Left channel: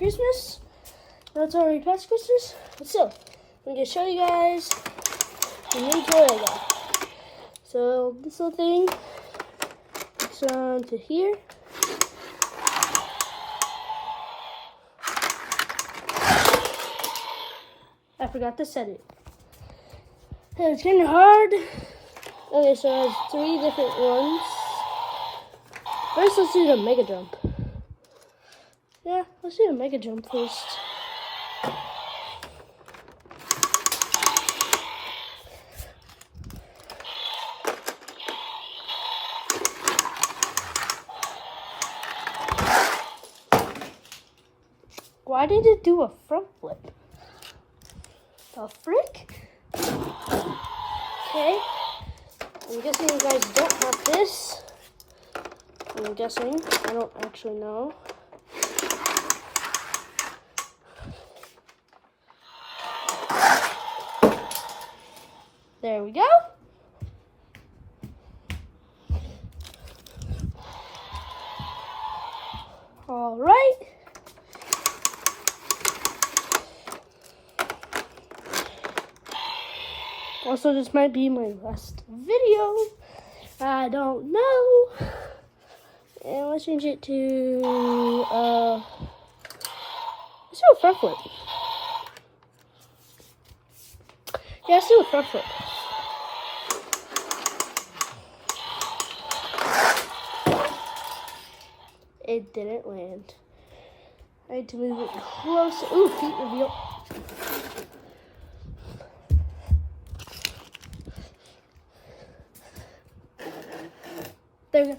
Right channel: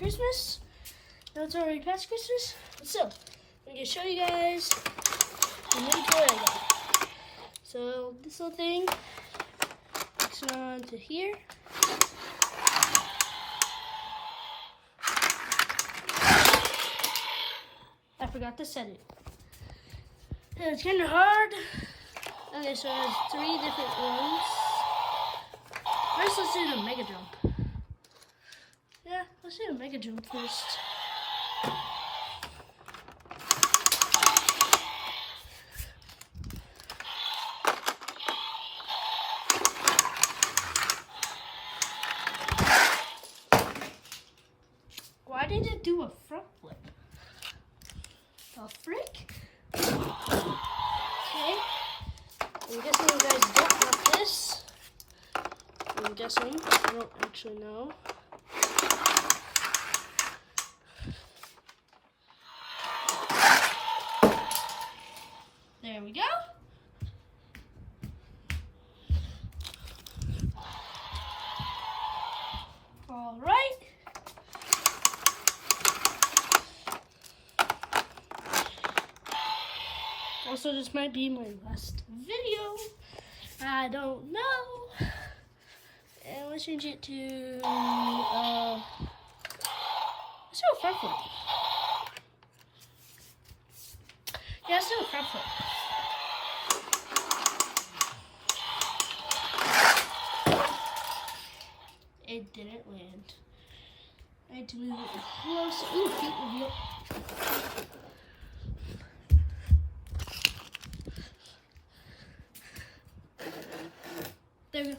Christmas. Now it's already past Christmas. So, I'm going to show you guys the new toy I got. So, this little thing hooks on to here. I forgot to set it. And it's kind of hard. Okay, so it has 3 different ones. First, let's do the mega jump. Yeah, let's do the mega jump first. Why did it do a front flip? The frick? Okay. I'm guessing you guys don't have this. I'm guessing. I don't actually know. There we go. All right. Also, this might be my last video. I don't know. And let's change it to, let's do a front flip. Yeah, let's do a front flip. It didn't land. I had to move it closer. Ooh, feet reveal. There we go.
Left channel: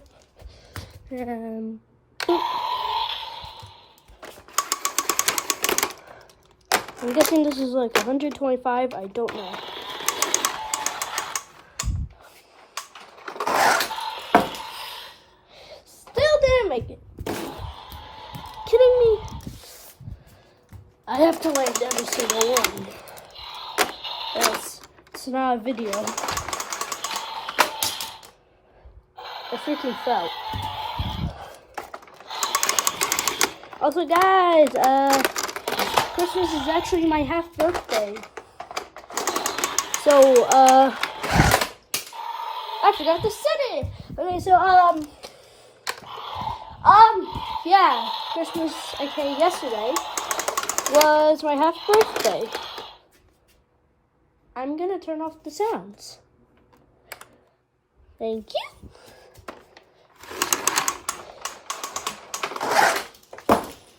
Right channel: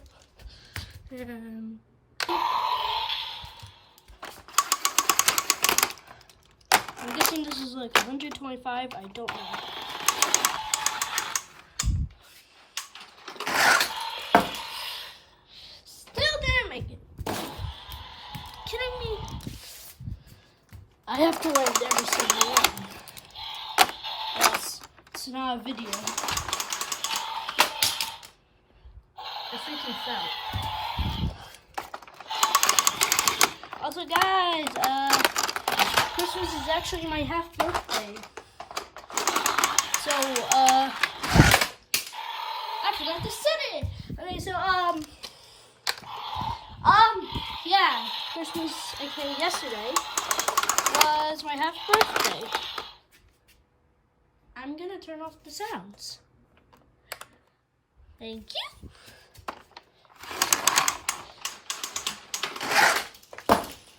I'm guessing this is like 125. I don't know. Still didn't make it. Kidding me? I have to land every single one. Else, it's not a video. I freaking fell. Also, guys, Christmas is actually my half birthday. So, I forgot to set it. Okay, so, yeah, Christmas, okay, yesterday was my half birthday. I'm gonna turn off the sounds. Thank you.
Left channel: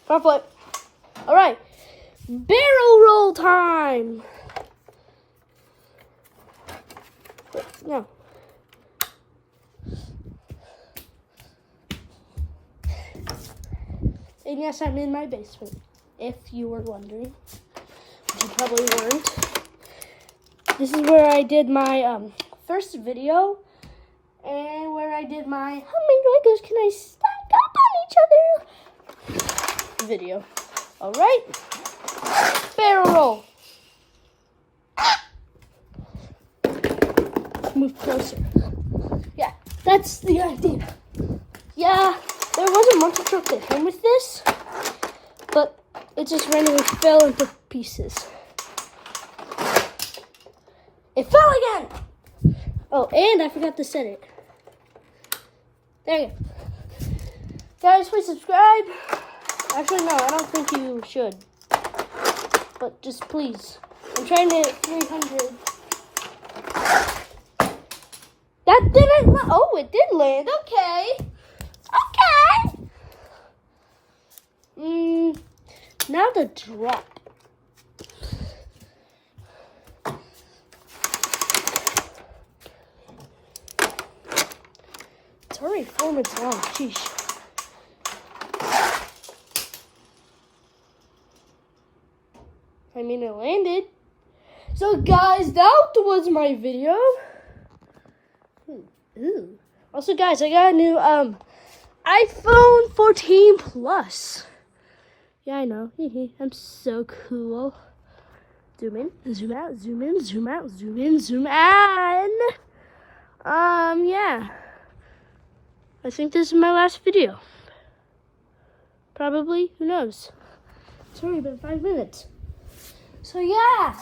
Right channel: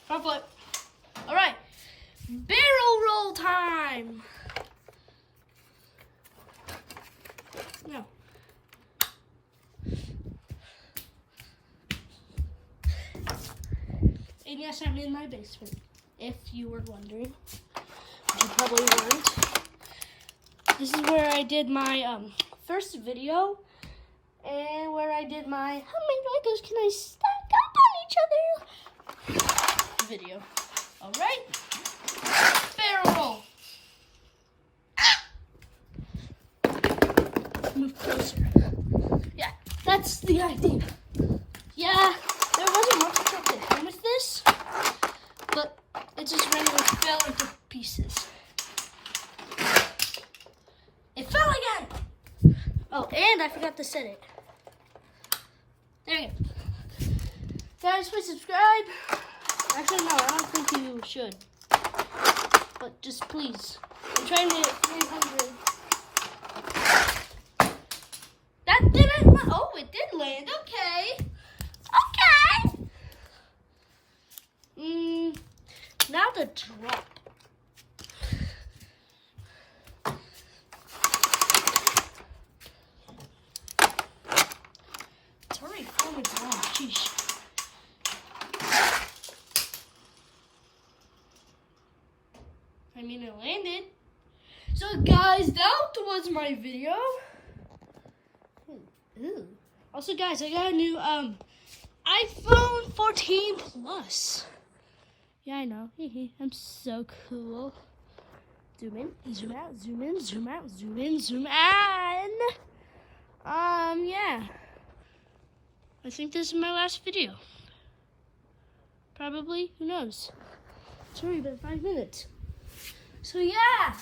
Front flip. All right, barrel roll time. No. And yes, I'm in my basement, if you were wondering, which you probably weren't. This is where I did my first video, and where I did my how many Legos can I stack up on each other video. All right, barrel roll. Move closer. Yeah, that's the idea. Yeah, there was a monster truck that came with this, but it just randomly fell into pieces. It fell again! Oh, and I forgot to set it. There we go. Guys, please subscribe. Actually, no, I don't think you should. But just please. I'm trying to hit 300. That didn't, oh, it did land. Okay. Okay. Now the drop. It's already 4 minutes long. Sheesh. I mean, it landed. So, guys, that was my video. Ooh. Also, guys, I got a new iPhone 14 Plus. Yeah, I know. I'm so cool. Zoom in, zoom out, zoom in, zoom out, zoom in, zoom out. Yeah. I think this is my last video. Probably. Who knows? It's already been 5 minutes. So yeah.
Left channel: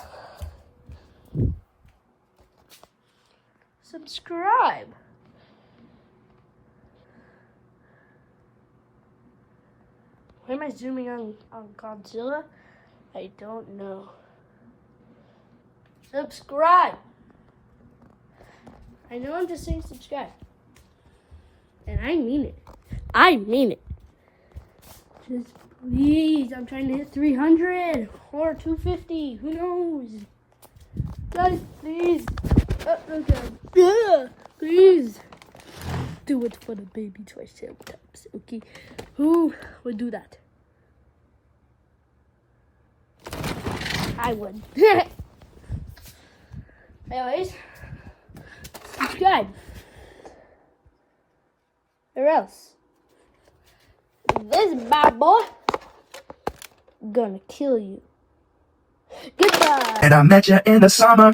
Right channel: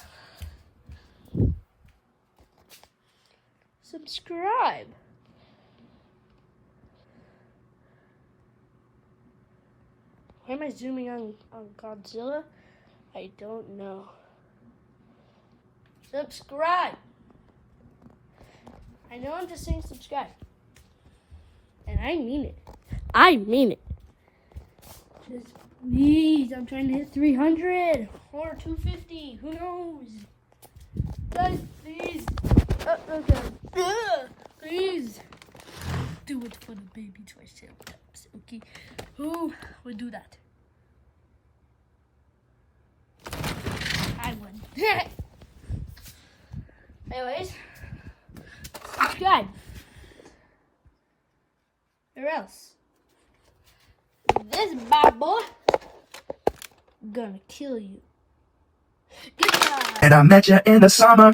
Subscribe. Why am I zooming on Godzilla? I don't know. Subscribe. I know I'm just saying subscribe. And I mean it. I mean it. Just please, I'm trying to hit 300 or 250. Who knows? Guys, please. Please. Do it for the baby Triceratops, okay? Who would do that? I would. Anyways, subscribe. Or else this bad boy gonna kill you. Goodbye. And I met you in the summer.